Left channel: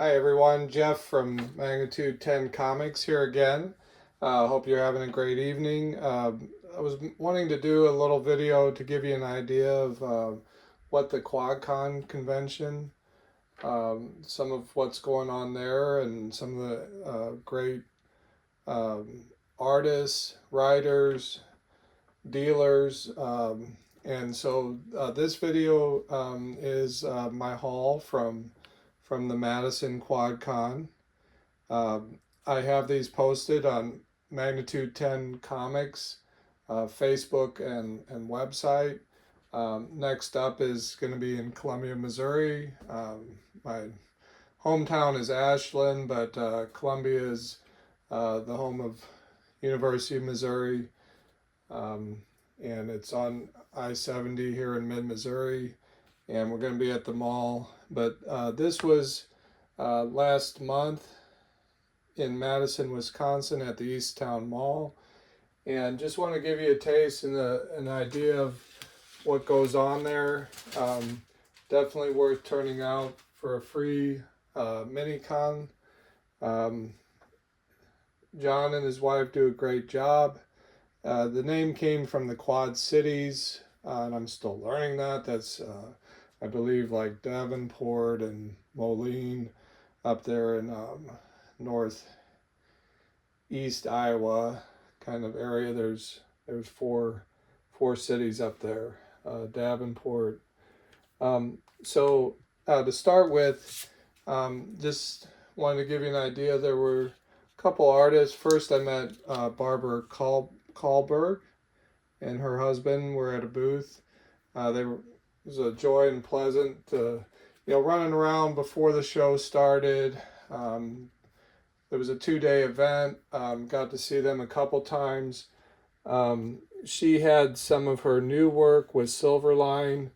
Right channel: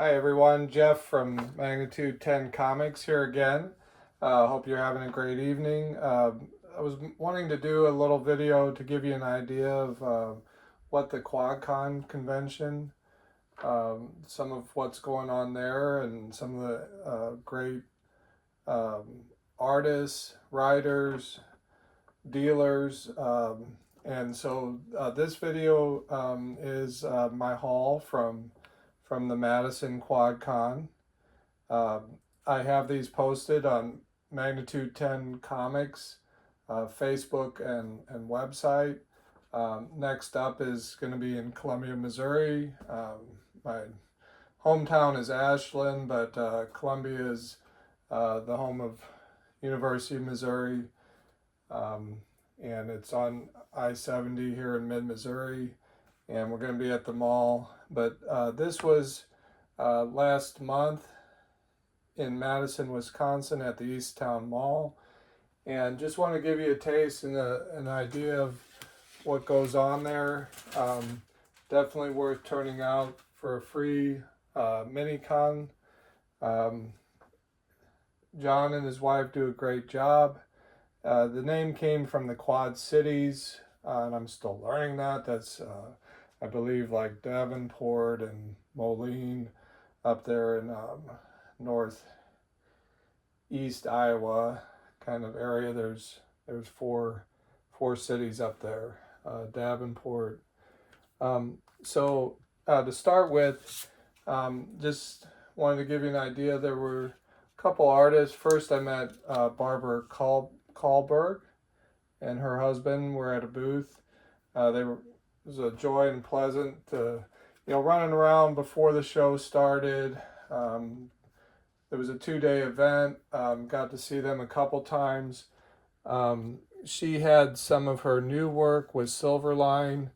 Hi everyone, Jeff from Magnitude 10 Comics here again. Hope you're having a great evening. I was wanting to do a little video to give you an idea of what the QuadCon convention, some of what's going on there, and some of the great um, artists, writers, dealers. And so this video is my haul from the Madison QuadCon. I have these posted on Magnitude 10 Comics, Facebook and website. Next up is going to be in Columbia, Missouri. My hometown is Ashland, but Columbia is the home of University of Missouri, and it's on I-70 here in mid-Missouri, and we're going to be at the mall. But this was last month in Madison, Wisconsin at the Easttown Mall, and just want to give you a taste and an idea of what goes on there. Definitely worth turning out for a free mini-con. John and his wife do a great job. The name came from the Quad Cities, and I'm still learning that. That's, I believe, like Davenport and Moline up there in northeast Iowa kind of area. There's four cities up there, Davenport. So to start with, just wanted to give you an idea. There were a couple artists. First, I met Barbara Kahlberg and her husband were at a booth. It was a joy and pleasant to, running around before the show started. There was a 2-day event. Got to see them a couple times. She had some of her new work with Silverline,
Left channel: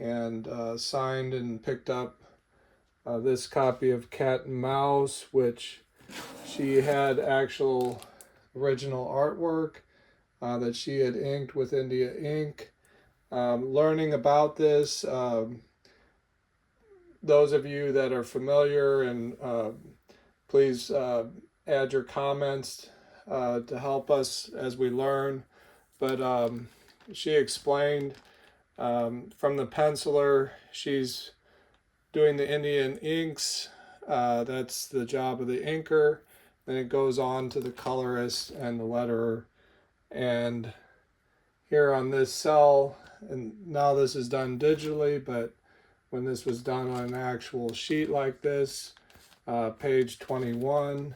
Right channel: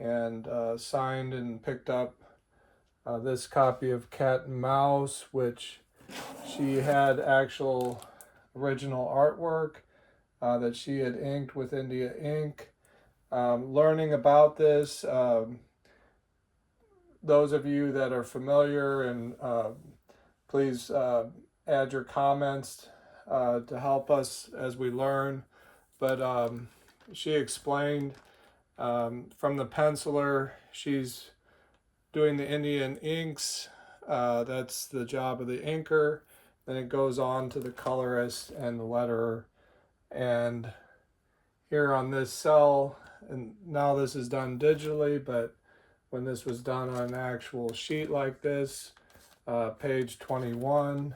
and signed and picked up this copy of Cat and Mouse, which she had actual original artwork that she had inked with India ink. Learning about this, those of you that are familiar, and please add your comments to help us as we learn. But she explained from the penciler, she's doing the Indian inks. That's the job of the inker. Then it goes on to the colorist and the letterer. And here on this cell, and now this is done digitally, but when this was done on an actual sheet like this, page 21,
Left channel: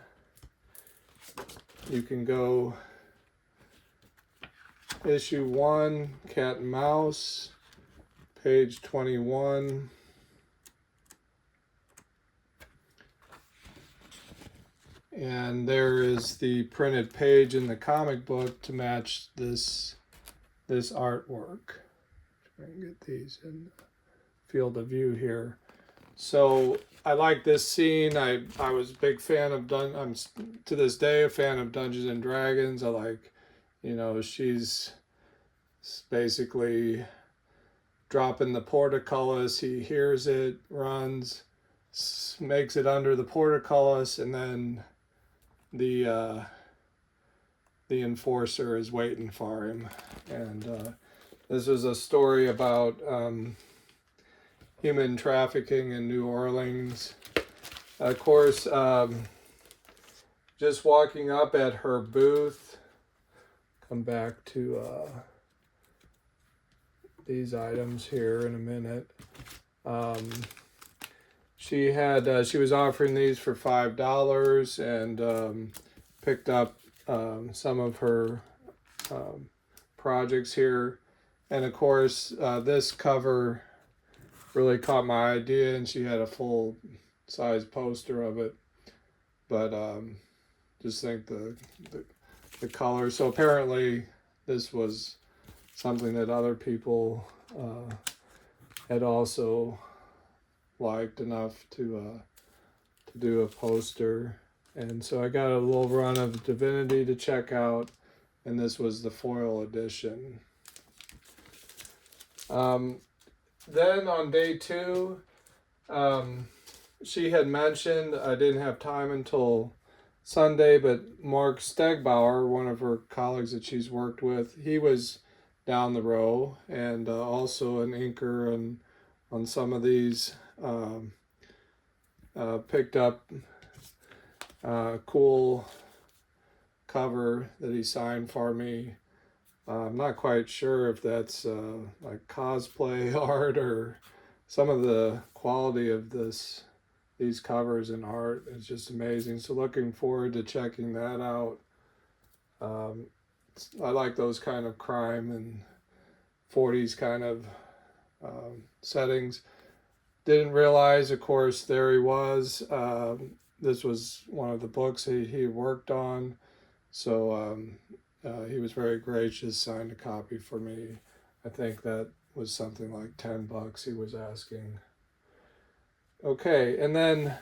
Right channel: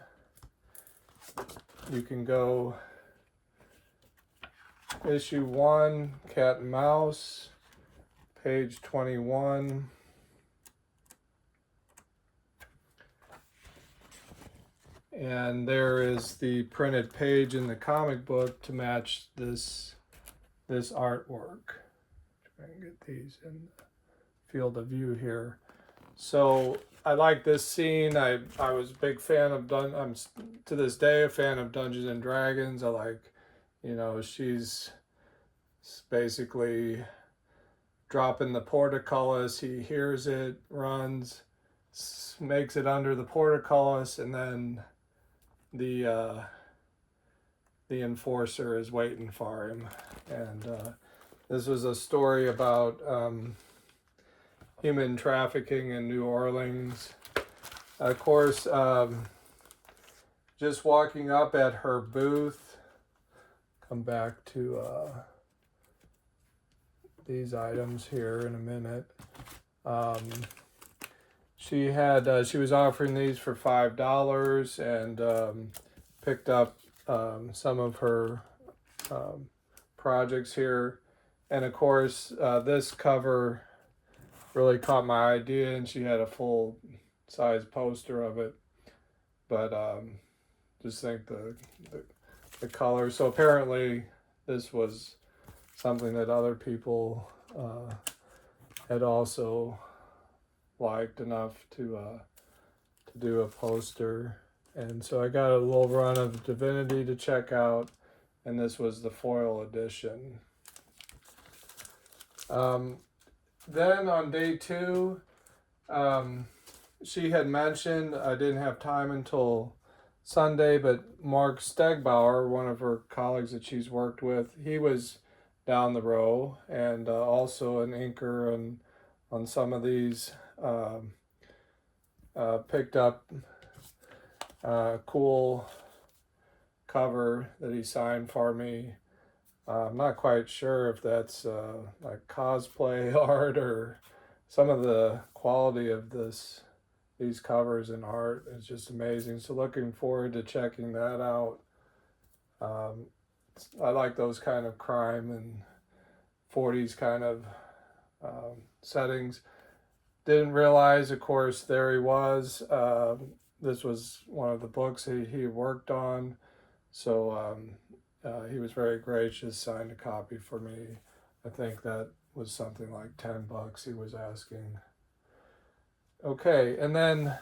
you can go issue 1, Cat and Mouse, page 21. And there is the printed page in the comic book to match this artwork. Try and get these in the field of view here. So I like this scene. I was a big fan of I'm to this day a fan of Dungeons and Dragons. I like, she's basically dropping the portcullis. He hears it, runs, makes it under the portcullis, and then the enforcer is waiting for him. And this was a story about human trafficking in New Orleans. Of course, just walking up at her booth, come back to these items here in a minute. She was offering these for $5, and picked up some of her projects here. And of course, this cover really caught my idea, and she had a full size poster of it. But just think the color. So apparently this was something that other people had also liked enough to do a poster. And so I got a little run of Divinity to check out, and this was the foil edition. Then on day 2, she had mentioned, I didn't have time until Sunday, but Mark Stegbauer, one of her colleagues that she's worked with, he was down the row, and also an inker on some of these. Picked up a cool cover that he signed for me. I'm not quite sure if that's like cosplay art, or some of the quality of these covers and art is just amazing. So looking forward to checking that out. I like those kind of crime and 40s kind of settings. Didn't realize, of course, there he was. This was one of the books he worked on. So he was very gracious, signed a copy for me. I think that was something like $10 he was asking. Okay, and then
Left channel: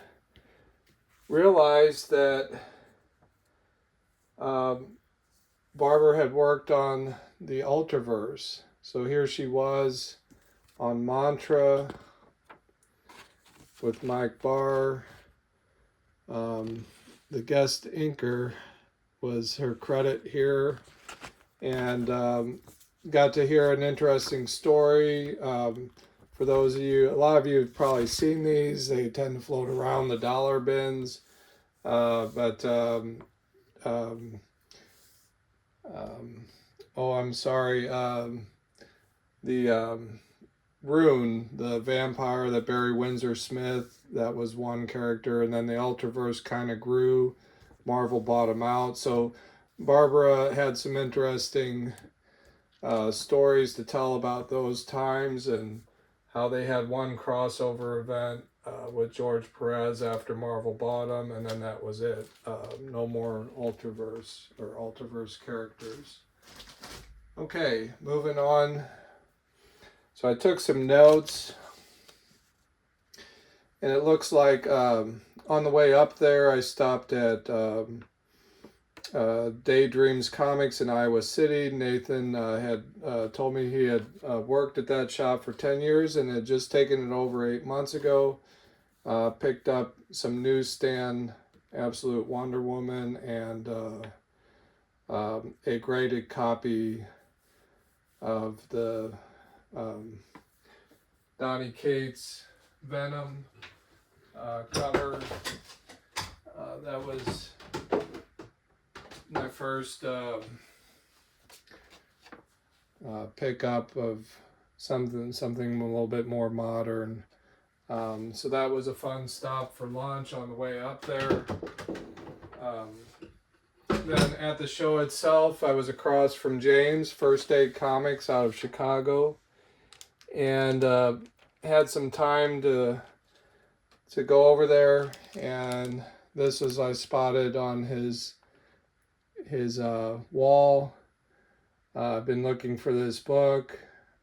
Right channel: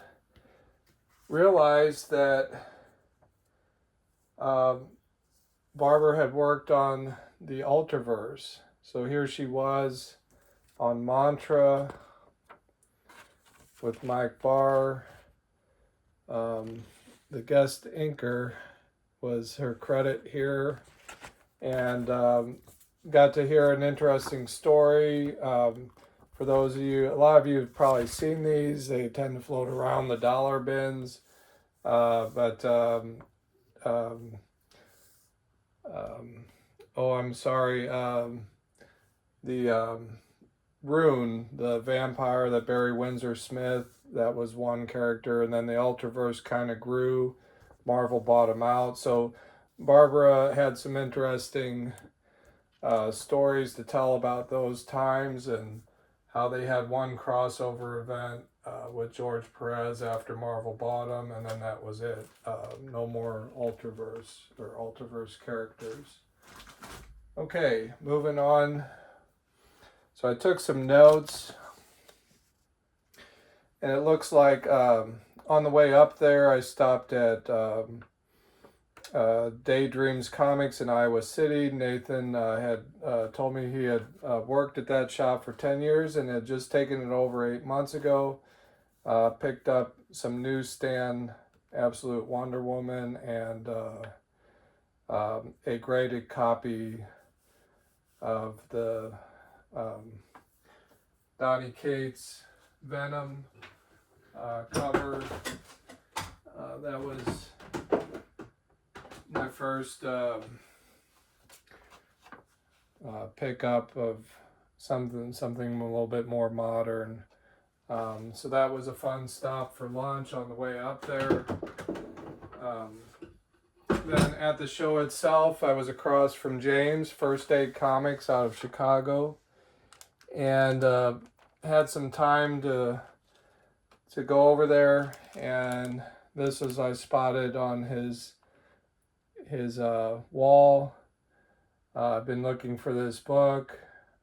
realized that Barbara had worked on the Ultraverse. So here she was on Mantra with Mike Barr. The guest inker was her credit here, and got to hear an interesting story. For those of you, a lot of you have probably seen these. They tend to float around the dollar bins, oh, I'm sorry. The Rune, the vampire that Barry Windsor Smith, that was one character, and then the Ultraverse kind of grew. Marvel bought him out. So Barbara had some interesting stories to tell about those times, and how they had one crossover event with George Perez after Marvel bought him, and then that was it. No more Ultraverse or Ultraverse characters. Okay, moving on. So I took some notes, and it looks like on the way up there, I stopped at Daydreams Comics in Iowa City. Nathan had told me he had worked at that shop for 10 years and had just taken it over 8 months ago. Picked up some newsstand Absolute Wonder Woman and a graded copy of the Donny Cates Venom cover. That was my first pickup of something a little bit more modern. So that was a fun stop for lunch on the way up there. Then at the show itself, I was across from James, First Aid Comics out of Chicago, and had some time to go over there. And this was, I spotted on his wall. I've been looking for this book.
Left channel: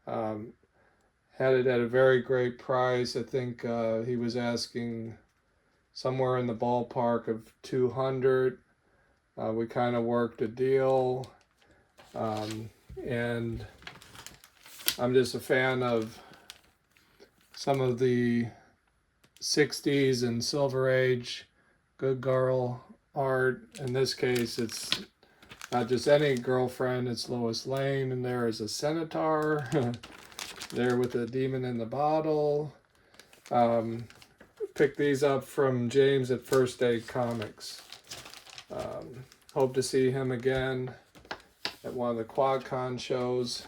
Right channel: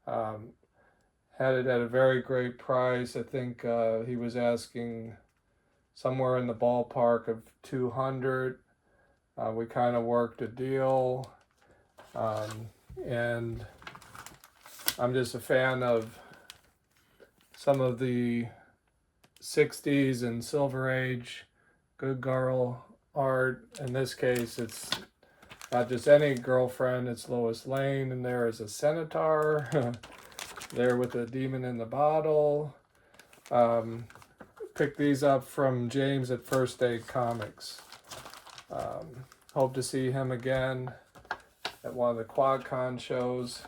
Had it at a very great price. I think he was asking somewhere in the ballpark of $200. We kind of worked a deal, and I'm just a fan of some of the 60s and Silver Age good girl art. In this case, it's not just any girlfriend, it's Lois Lane, and there is a centaur there with a demon in the bottle. Picked these up from James at First Aid Comics. Hope to see him again at one of the QuadCon shows.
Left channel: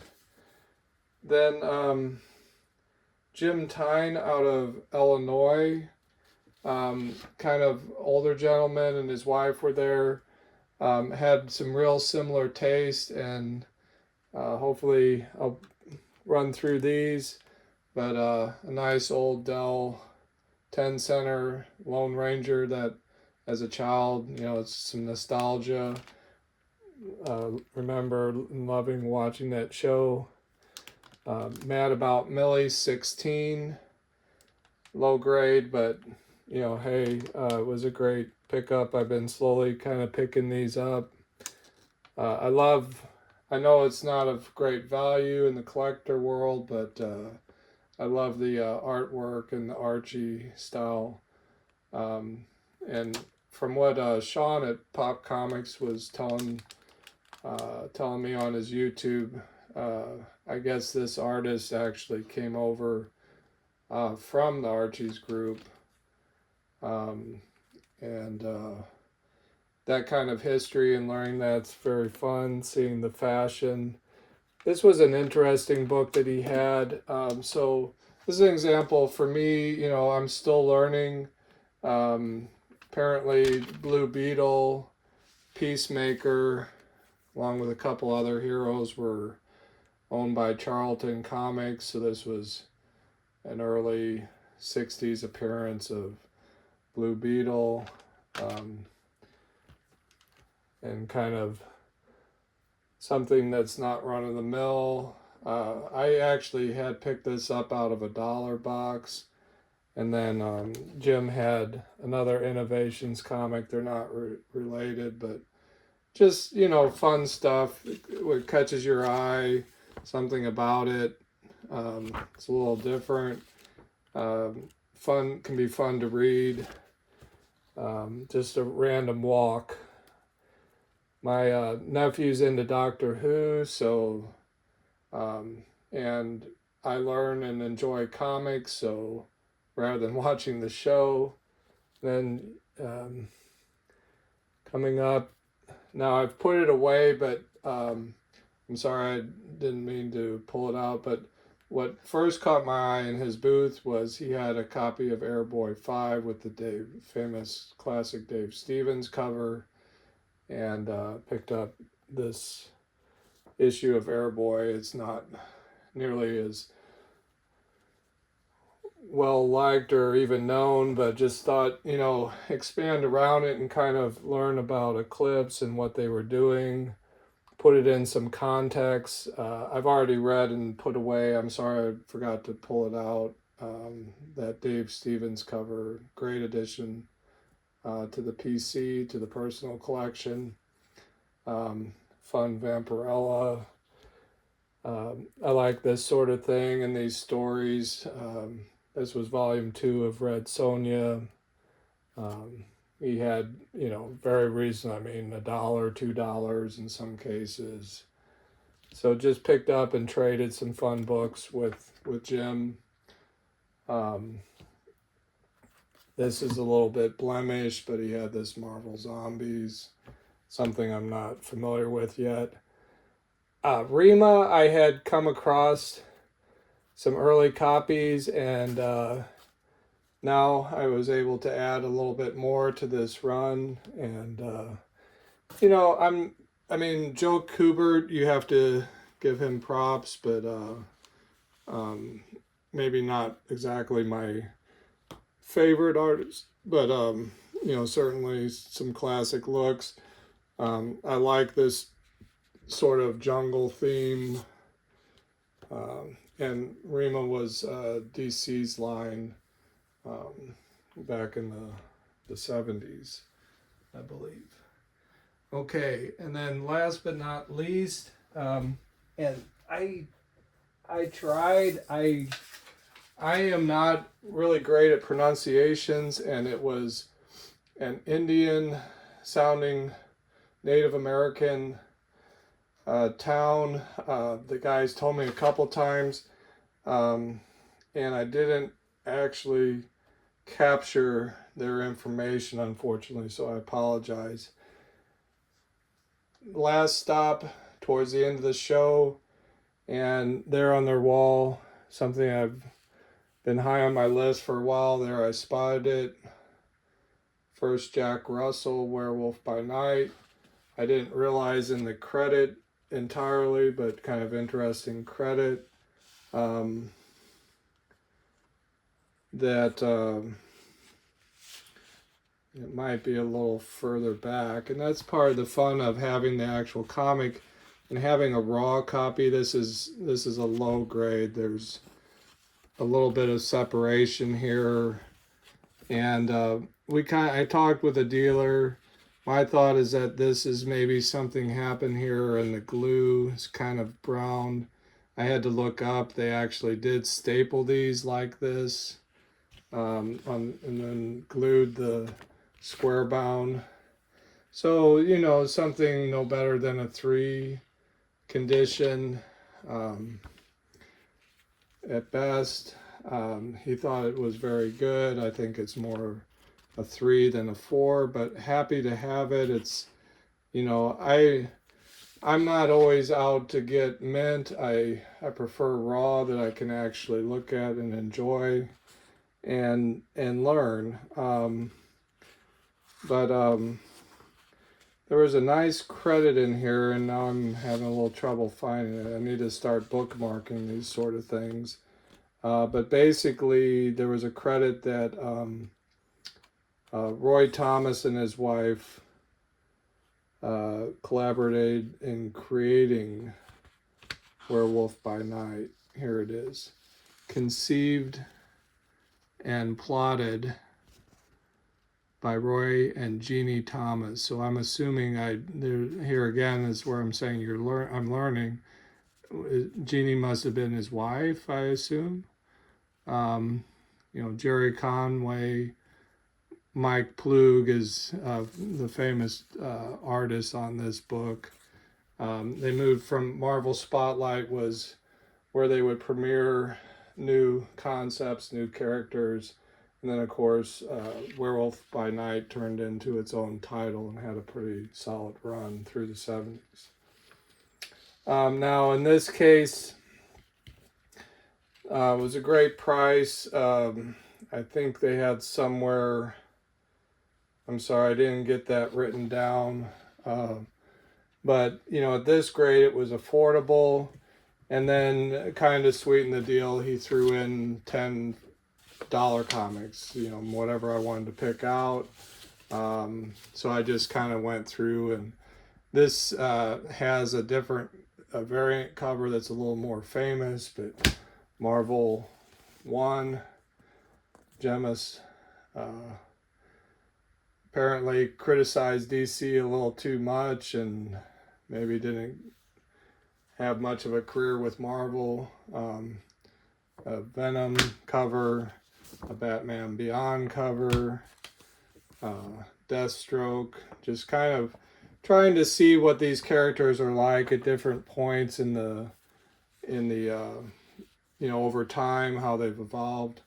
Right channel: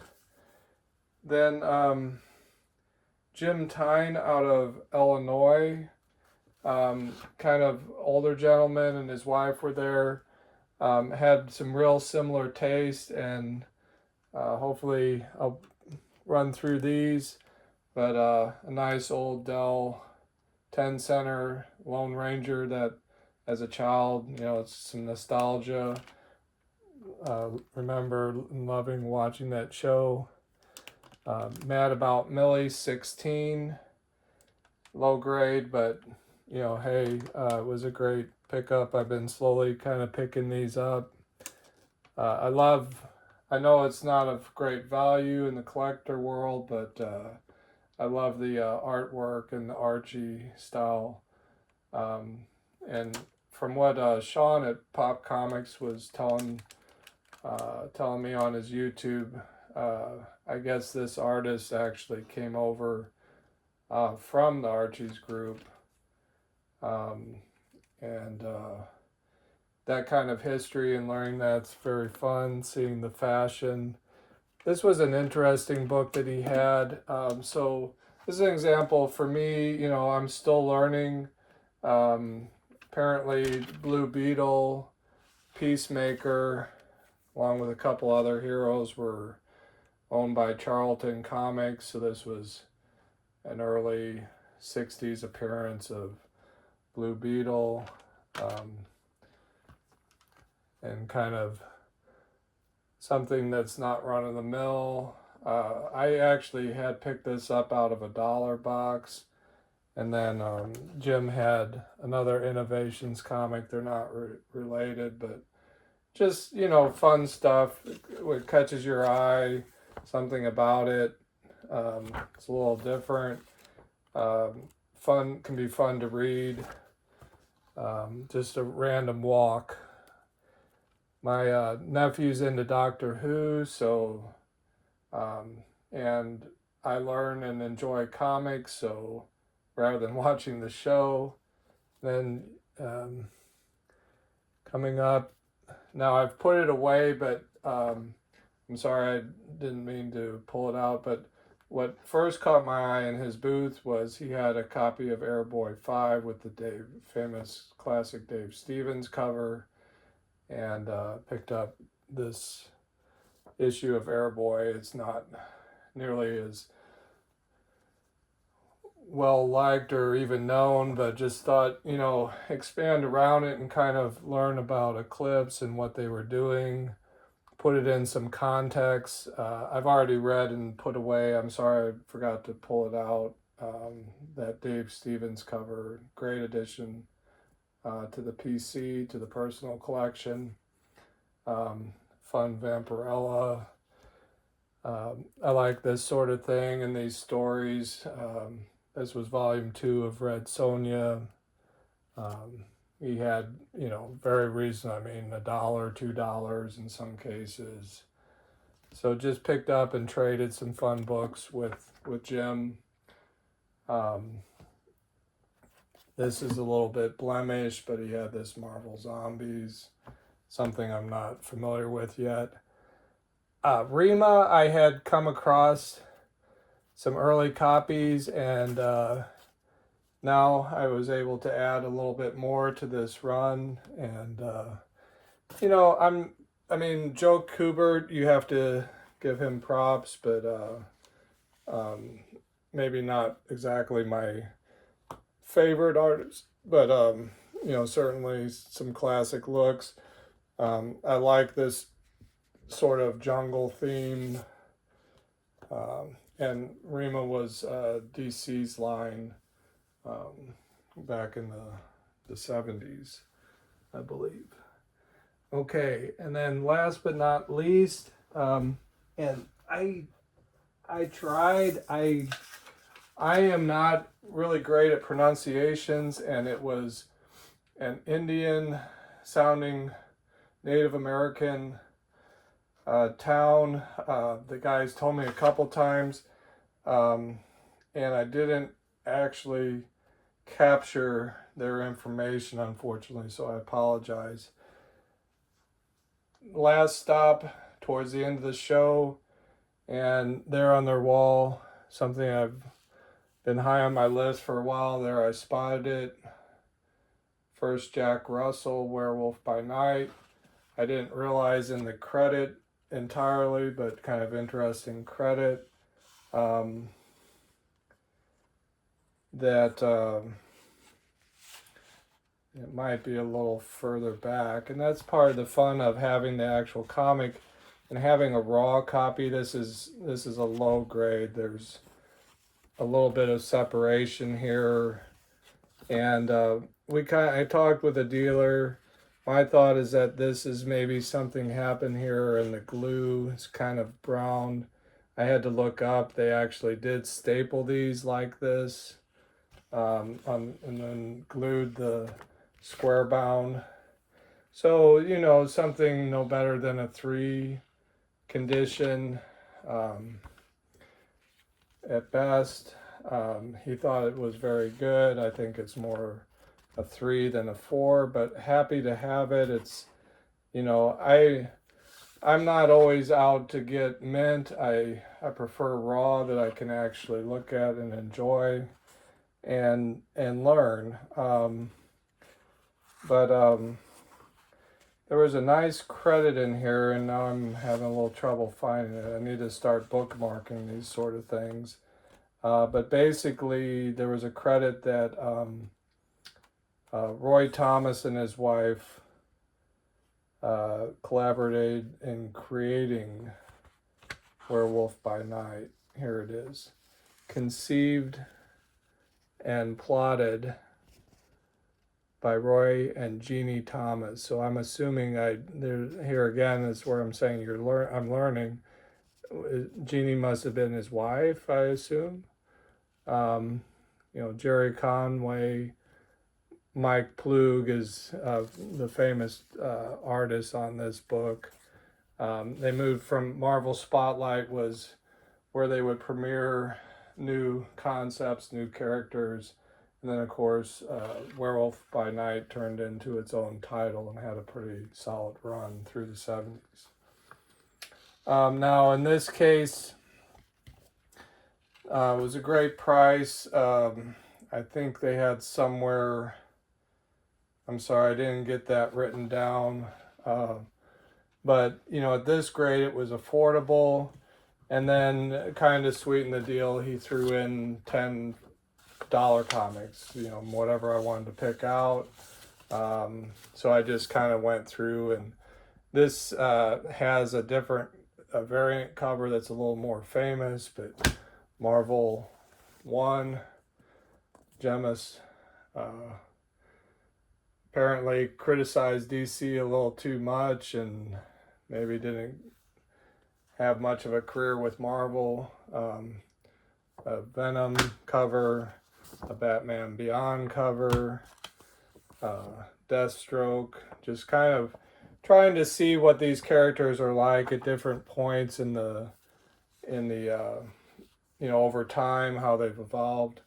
Then Jim Tyne out of Illinois, kind of older gentleman, and his wife were there. Had some real similar taste, and hopefully I'll run through these. But a nice old Dell 10 center Lone Ranger that, as a child, it's some nostalgia. Remember loving watching that show. Mad About Millie 16, low grade, but hey, it was a great pickup. I've been slowly kind of picking these up. I know it's not of great value in the collector world, but I love the artwork and the Archie style And from what Sean at Pop Comics was telling me on his YouTube, I guess this artist actually came over from the Archie's group, and that kind of history and learning that's very fun. Seeing the fashion. This was an interesting book that he had. So this is an example for me. You know, I'm still learning. Apparently, Blue Beetle, Peacemaker, along with a couple other heroes, were owned by Charlton Comics. So this was an early 60s appearance of Blue Beetle, and kind of something that's not run of the mill. I actually had picked this up out of a dollar box, and then Jim had another Innovations comic. They're not related, but just, you know, fun stuff. What catches your eye, something about it. It's a little different. Fun, can be fun to read. Just a random walk. My nephew's into Doctor Who, so and I learn and enjoy comics, so rather than watching the show, then coming up, now I've put it away, but I'm sorry, I didn't mean to pull it out, but what first caught my eye in his booth was he had a copy of Airboy 5 with the famous classic Dave Stevens cover, and picked up this issue of Airboy. It's not nearly as well liked or even known, but just thought, you know, expand around it and kind of learn about Eclipse and what they were doing, put it in some context. I've already read and put away, I'm sorry I forgot to pull it out, that Dave Stevens cover, great addition to the PC, to the personal collection. Fun Vampirella. I like this sort of thing and these stories. This was volume 2 of Red Sonja. He had, you know, very reasonable, I mean, $1, $2 in some cases. So just picked up and traded some fun books with Jim. This is a little bit blemished, but he had this Marvel Zombies, something I'm not familiar with yet. Rima, I had come across some early copies, and now I was able to add a little bit more to this run. And you know, I mean, Joe Kubert, you have to give him props, but maybe not exactly my favorite artist, but you know, certainly some classic looks. I like this sort of jungle theme, and Rima was DC's line back in the 70s, I believe. Okay, and then last but not least, and I tried, I am not really great at pronunciations, and it was an Indian sounding Native American town. The guys told me a couple times, and I didn't actually capture their information, unfortunately, so I apologize. Last stop towards the end of the show, and there on their wall, something I've been high on my list for a while there, I spotted it. First Jack Russell, Werewolf by Night. I didn't realize in the credit entirely, but kind of interesting credit, that it might be a little further back, and that's part of the fun of having the actual comic and having a raw copy. This is a low grade. There's a little bit of separation here, and I talked with a dealer. My thought is that this is maybe something happened here and the glue is kind of brown. I had to look up. They actually did staple these like this. and then glued the square bound. So, you know, something no better than a 3 condition at best. He thought it was very good. I think it's more a 3 than a 4, but happy to have it. It's, you know, I'm not always out to get mint. I prefer raw that I can actually look at and enjoy and learn. But there was a nice credit in here, and now I'm having a little trouble finding it. I need to start bookmarking these sort of things. But basically, there was a credit that Roy Thomas and his wife collaborated in creating Werewolf by Night. Here it is. Conceived and plotted by Roy and Jeannie Thomas. So I'm assuming here again is where I'm saying I'm learning. Jeannie must have been his wife, I assume. You know, Jerry Conway, Mike Plug is the famous artist on this book. They moved from Marvel Spotlight was where they would premiere new concepts, new characters, and then of course Werewolf by Night turned into its own title and had a pretty solid run through the 70s. Now in this case, it was a great price. I think they had somewhere, I'm sorry, I didn't get that written down. But, you know, at this grade, it was affordable. And then kind of sweetened the deal, he threw in $10 comics, you know, whatever I wanted to pick out. So I just kind of went through, and this has a variant cover that's a little more famous, but Marvel 1, Gemus apparently criticized DC a little too much and maybe didn't have much of a career with Marvel. A Venom cover, a Batman Beyond cover, Deathstroke, just kind of trying to see what these characters are like at different points in the you know, over time, how they've evolved.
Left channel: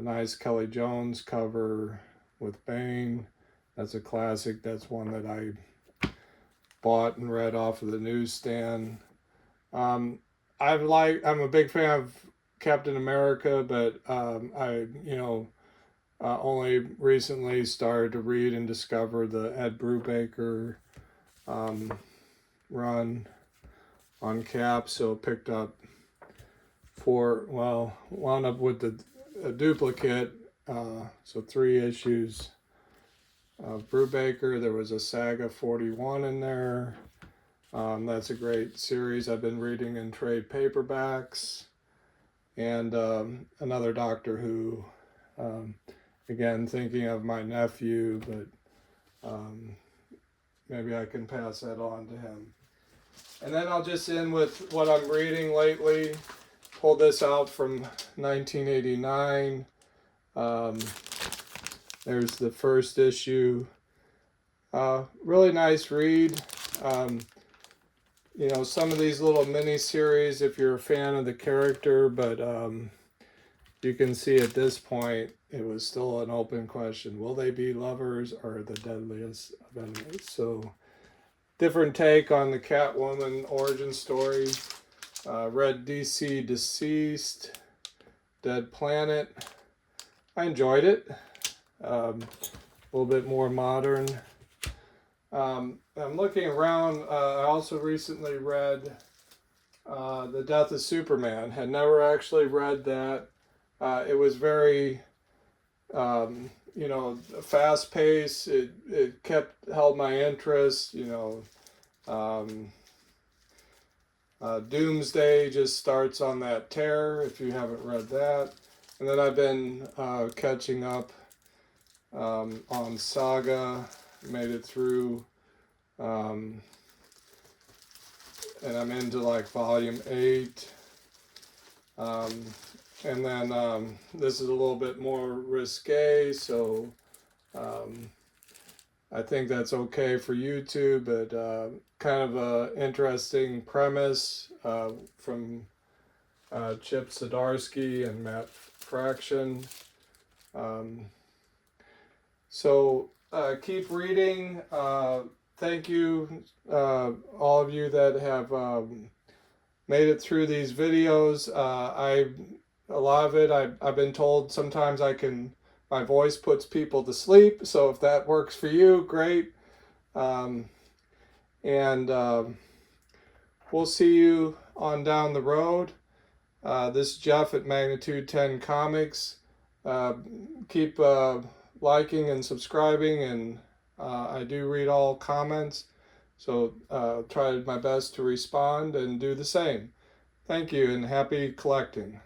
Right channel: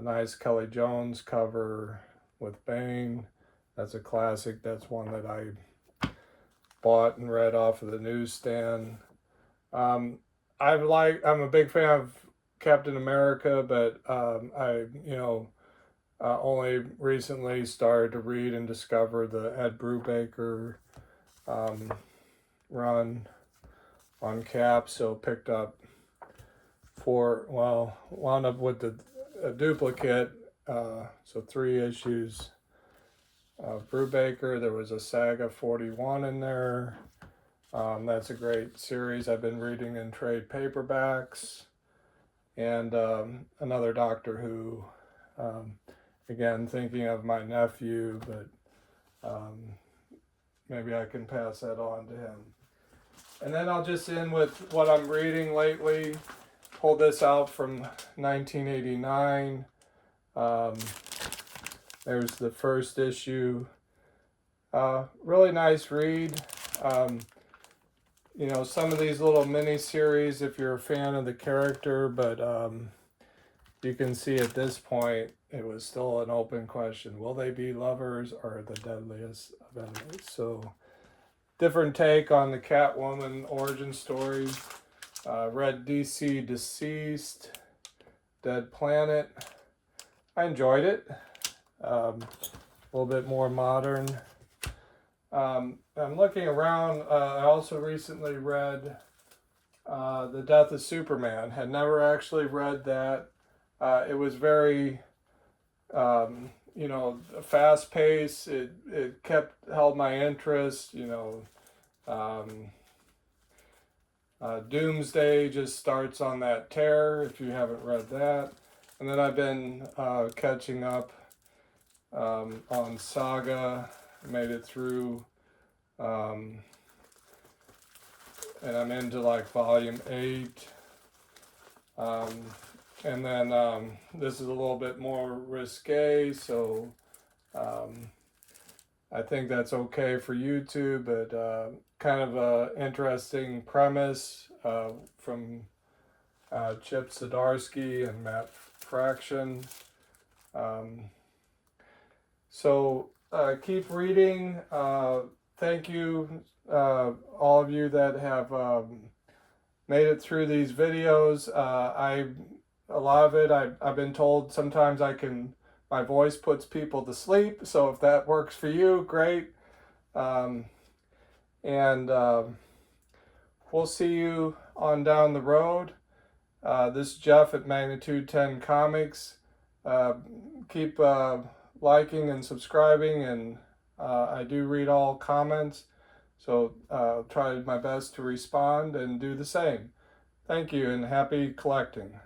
Nice Kelly Jones cover with Bane. That's a classic. That's one that I bought and read off of the newsstand. I'm a big fan of Captain America, but I, you know, only recently started to read and discover the Ed Brubaker run on Cap, so picked up wound up with a duplicate, so 3 issues of Brubaker. There was a Saga 41 in there. That's a great series I've been reading in trade paperbacks. And another Doctor Who, again, thinking of my nephew, but maybe I can pass that on to him. And then I'll just end with what I'm reading lately. Pulled this out from 1989. There's the first issue. Really nice read. You know, some of these little mini-series, if you're a fan of the character, but you can see at this point, it was still an open question. Will they be lovers or the deadliest of enemies? So, different take on the Catwoman origin story. Read DC Deceased, Dead Planet. I enjoyed it. A little bit more modern. I'm looking around. I also recently read The Death of Superman. Had never actually read that. It was very, you know, fast paced. It held my interest. You know, Doomsday just starts on that tear. If you haven't read that, and then I've been catching up on Saga. Made it through, and I'm into like volume 8. And then this is a little bit more risque, so I think that's okay for YouTube, but kind of an interesting premise from Chip Zdarsky and Matt Fraction. So keep reading. Thank you, all of you that have made it through these videos. A lot of it, I've been told sometimes my voice puts people to sleep. So if that works for you, great. And we'll see you on down the road. This is Jeff at Magnitude 10 Comics. Keep liking and subscribing, and I do read all comments, so try my best to respond and do the same. Thank you, and happy collecting.